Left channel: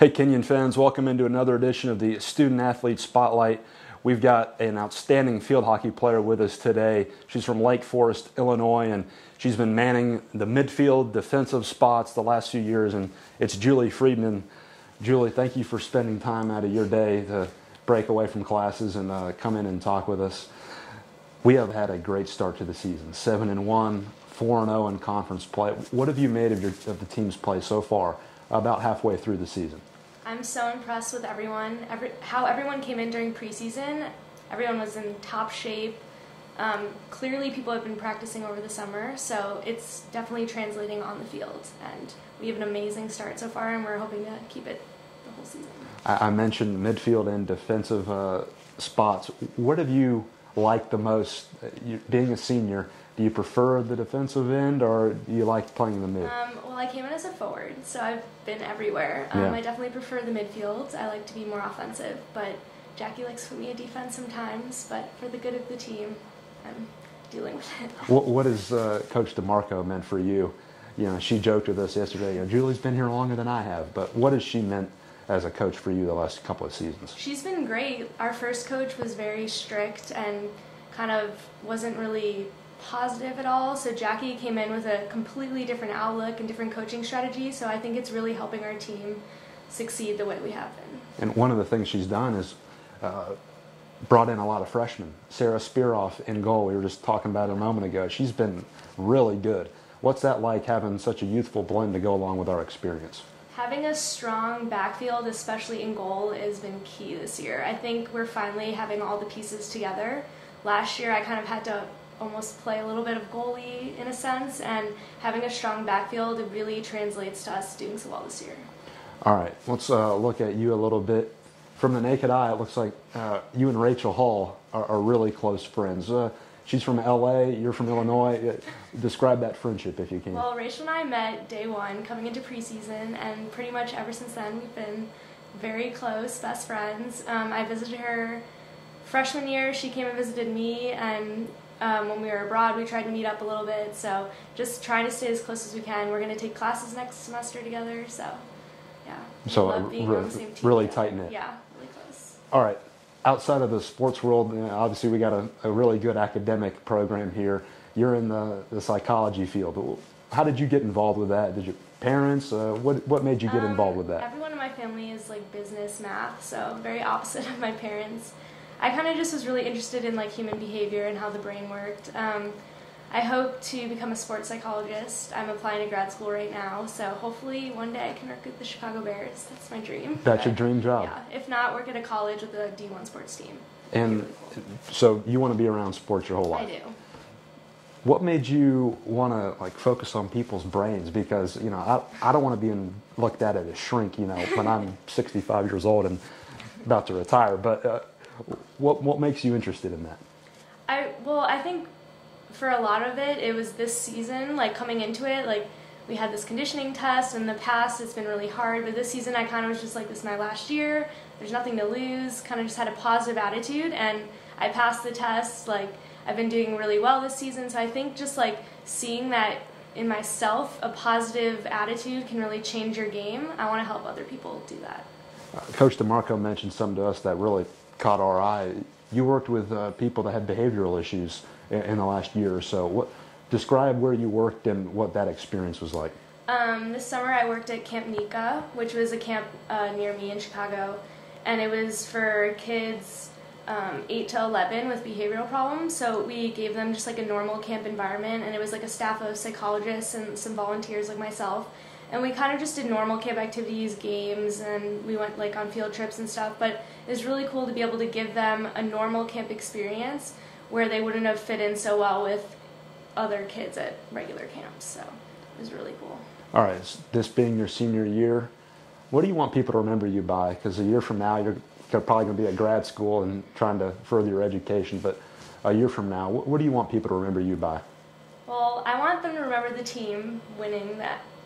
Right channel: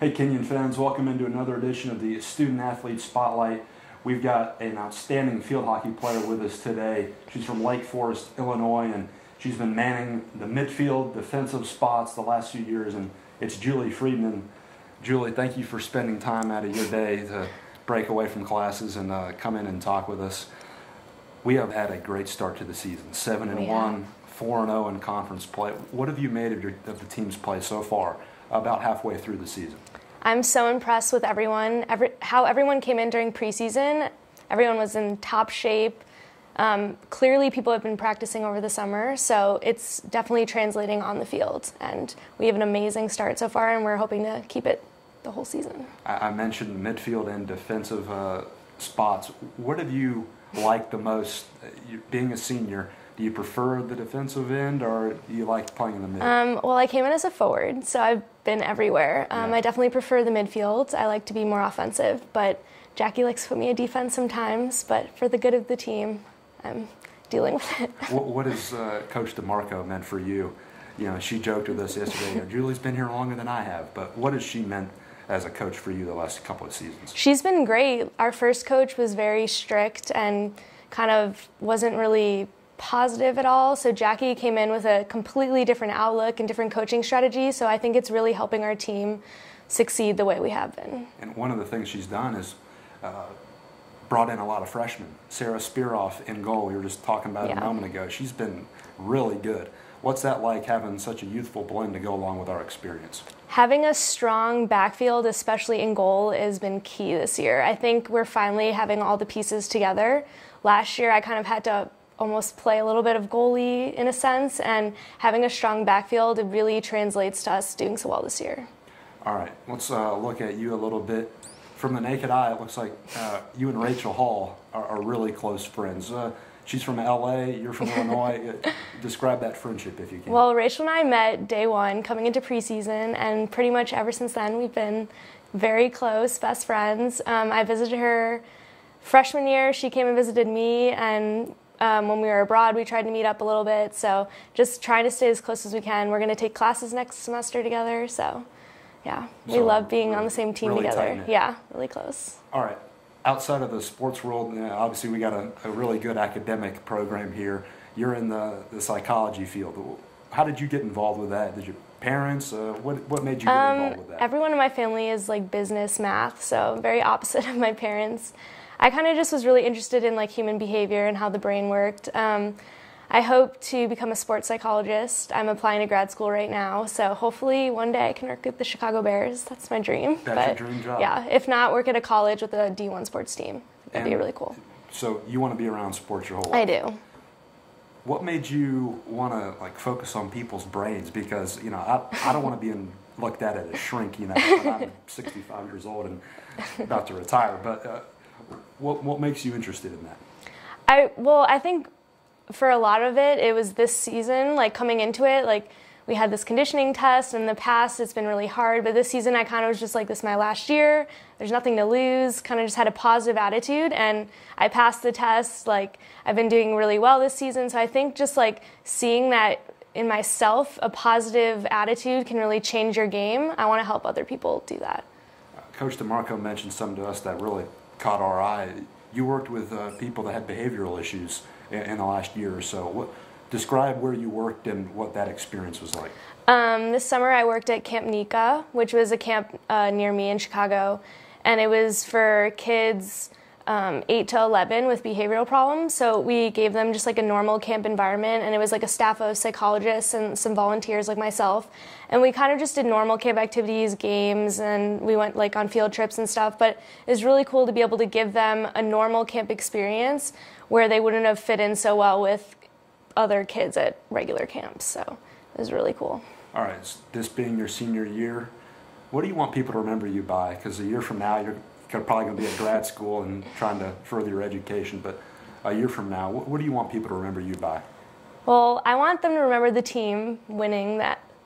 Hey Kenyon fans, welcome into another edition of the Student Athlete Spotlight. We've got an outstanding field hockey player with us today. She's from Lake Forest, Illinois, and she's been manning the midfield defensive spots the last few years, and it's Julie Freedman. Julie, thank you for spending time out of your day to break away from classes and come in and talk with us. We have had a great start to the season, 7-1, 4-0 in conference play. What have you made of the team's play so far, about halfway through the season? I'm so impressed with everyone, how everyone came in during preseason. Everyone was in top shape. Clearly people have been practicing over the summer, so it's definitely translating on the field. And we have an amazing start so far, and we're hoping to keep it the whole season. I mentioned midfield and defensive spots. What have you liked the most, being a senior? Do you prefer the defensive end, or do you like playing the mid? Well, I came in as a forward, so I've been everywhere. I definitely prefer the midfield. I like to be more offensive, but Jackie likes to put me in defense sometimes. But for the good of the team, I'm dealing with it. What has Coach DeMarco meant for you? You know, she joked with us yesterday, Julie's been here longer than I have, but what has she meant as a coach for you the last couple of seasons? She's been great. Our first coach was very strict and kind of wasn't really positive at all, so Jackie came in with a completely different outlook and different coaching strategy, so I think it's really helping our team succeed the way we have been. And one of the things she's done is brought in a lot of freshmen. Sarah Spearoff in goal, we were just talking about it a moment ago. She's been really good. What's that like, having such a youthful blend to go along with our experience? Having a strong backfield, especially in goal, has been key this year. I think we're finally having all the pieces together. Last year I kind of had to almost play a little bit of goalie in a sense, and having a strong backfield, it really translates to us doing so well this year. All right, let's look at you a little bit. From the naked eye, it looks like you and Rachel Hall are really close friends. She's from LA, you're from Illinois. Describe that friendship if you can. Well, Rachel and I met day one coming into preseason, and pretty much ever since then we've been very close, best friends. I visited her freshman year. She came and visited me, and when we were abroad, we tried to meet up a little bit, so just trying to stay as close as we can. We're going to take classes next semester together, so yeah, we love being on the same team really together. Tight-knit. Yeah, really close. All right, outside of the sports world, obviously we got a really good academic program here. You're in the psychology field. How did you get involved with that? Did your parents, what made you get involved with that? Everyone in my family is like business, math, so very opposite of my parents. I kind of just was really interested in like human behavior and how the brain worked. I hope to become a sports psychologist. I'm applying to grad school right now, so hopefully one day I can work with the Chicago Bears. That's my dream. That's your dream job? Yeah, if not, work at a college with a D1 sports team. That'd be really cool. So you want to be around sports your whole life? I do. What made you want to like focus on people's brains? Because I don't want to be looked at as a shrink. When I'm 65 years old and about to retire. But what makes you interested in that? I think for a lot of it, it was this season, like coming into it, like we had this conditioning test. In the past, it's been really hard, but this season I kind of was just like, this is my last year. There's nothing to lose. Kind of just had a positive attitude, and I passed the test. Like I've been doing really well this season, so I think just like seeing that in myself, a positive attitude can really change your game. I want to help other people do that. Coach DeMarco mentioned something to us that really caught our eye. You worked with people that had behavioral issues in the last year or so. Describe where you worked and what that experience was like. This summer I worked at Camp Nika, which was a camp near me in Chicago, and it was for kids 8 to 11 with behavioral problems. So we gave them just like a normal camp environment, and it was like a staff of psychologists and some volunteers like myself. And we kind of just did normal camp activities, games, and we went like on field trips and stuff. But it was really cool to be able to give them a normal camp experience where they wouldn't have fit in so well with other kids at regular camps. So it was really cool. All right, this being your senior year, what do you want people to remember you by? Because a year from now, you're probably going to be at grad school and trying to further your education. But a year from now, what do you want people to remember you by? Well, I want them to remember the team winning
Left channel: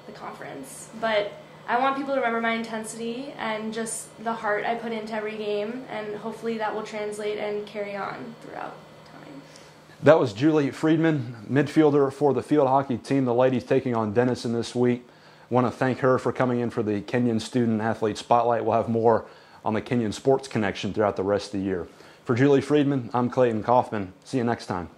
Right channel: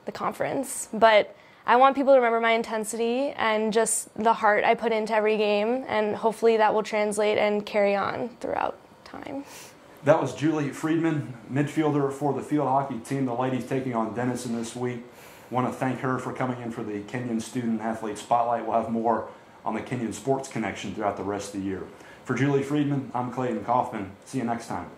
the conference, but I want people to remember my intensity and just the heart I put into every game, and hopefully that will translate and carry on throughout time. That was Julie Freedman, midfielder for the field hockey team. The ladies taking on Denison this week. Want to thank her for coming in for the Kenyon Student Athlete Spotlight. We'll have more on the Kenyon Sports Connection throughout the rest of the year. For Julie Freedman, I'm Clayton Kaufman. See you next time.